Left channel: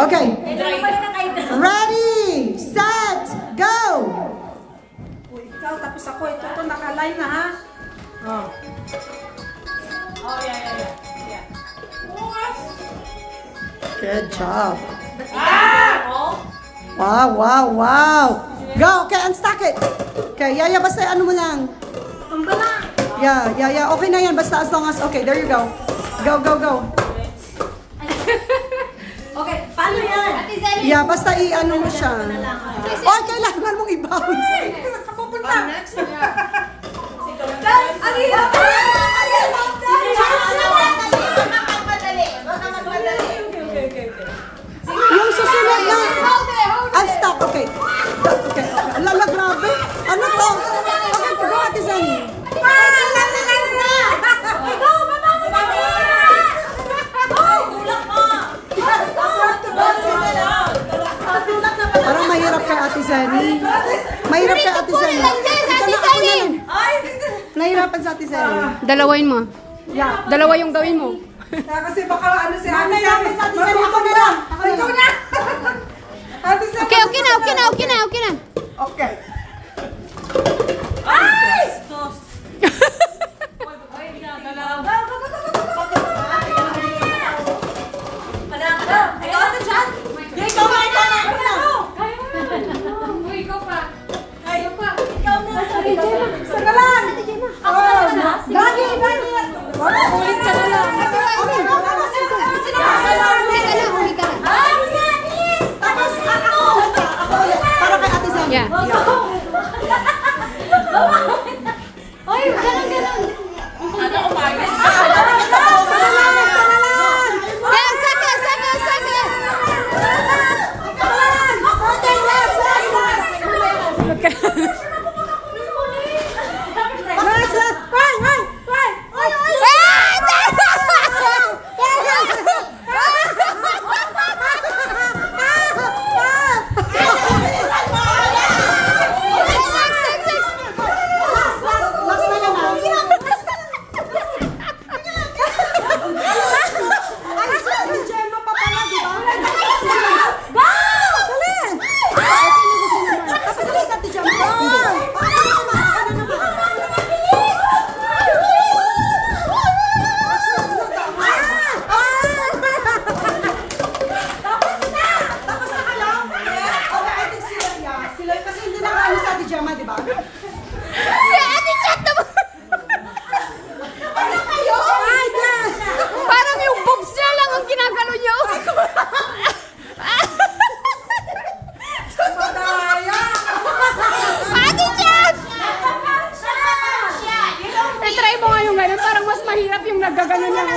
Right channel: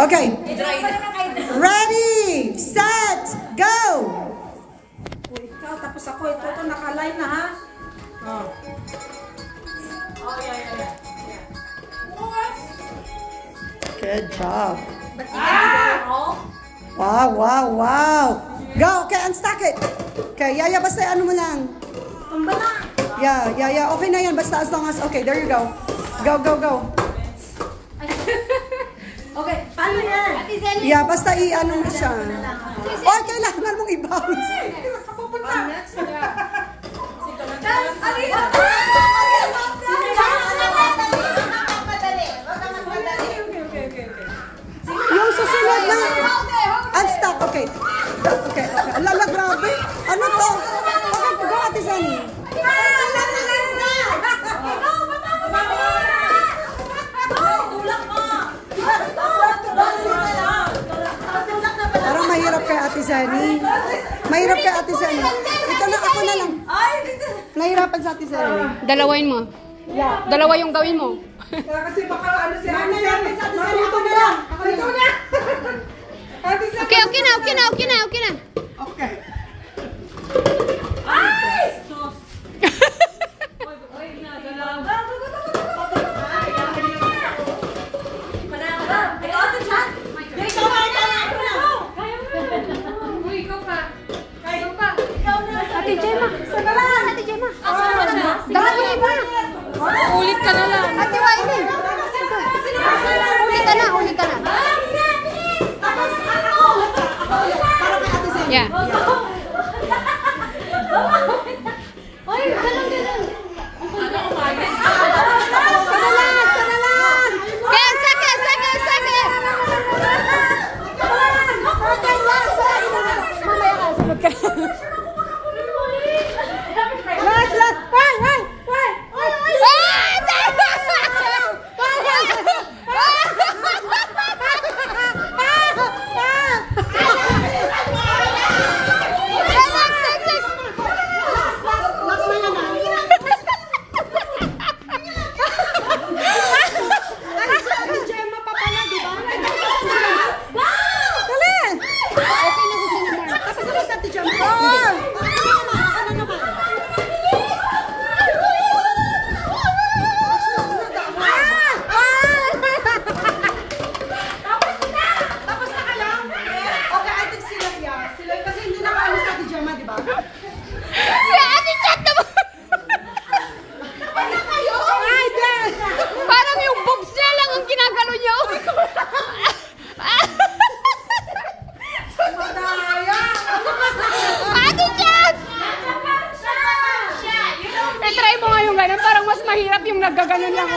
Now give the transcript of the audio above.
Okay. Ready, set, go! Ikaw, tapos ako. Ito, naka-line na, ha? Oh. Oh, yeah. Good job. Wow. Go, okay, unstuck it. Okay, Yaya, basta ano mo lang. Tumbala. Yeah. Okay na yan, basta as long as, okay, there you go. Go. Okay, paano yan? Yeah, basta i-ano mo siya. Or kailangan mong i-bounce. Pupunta. Next. Yung susunod na. Unstuck, okay. Okay. Lala, grabe. Ano to? Okay, go, Ate Zani. Parang mahirap kay Ate Zani. Mahirap kay Ate Zani. Ito na, ako na lang. Nahirapan sa Ate Zani. Dalawain mo. Yeah. Dalawa yung gawin mo. Kasi baka ano si Ate Zani. Ako na lang. Ikaw na. Ate Zani. Okay na. Okay. Ay! Ulit ka na lang. Ulit ka na. Para kay Ate Zani. Yeah. Ay, ganun. Last. Parang yung boobs niya lang ang ginagano niya. Ate Chat! I-try mo nga yung gano'n. Parang mas mahirap yung naggaganon lang.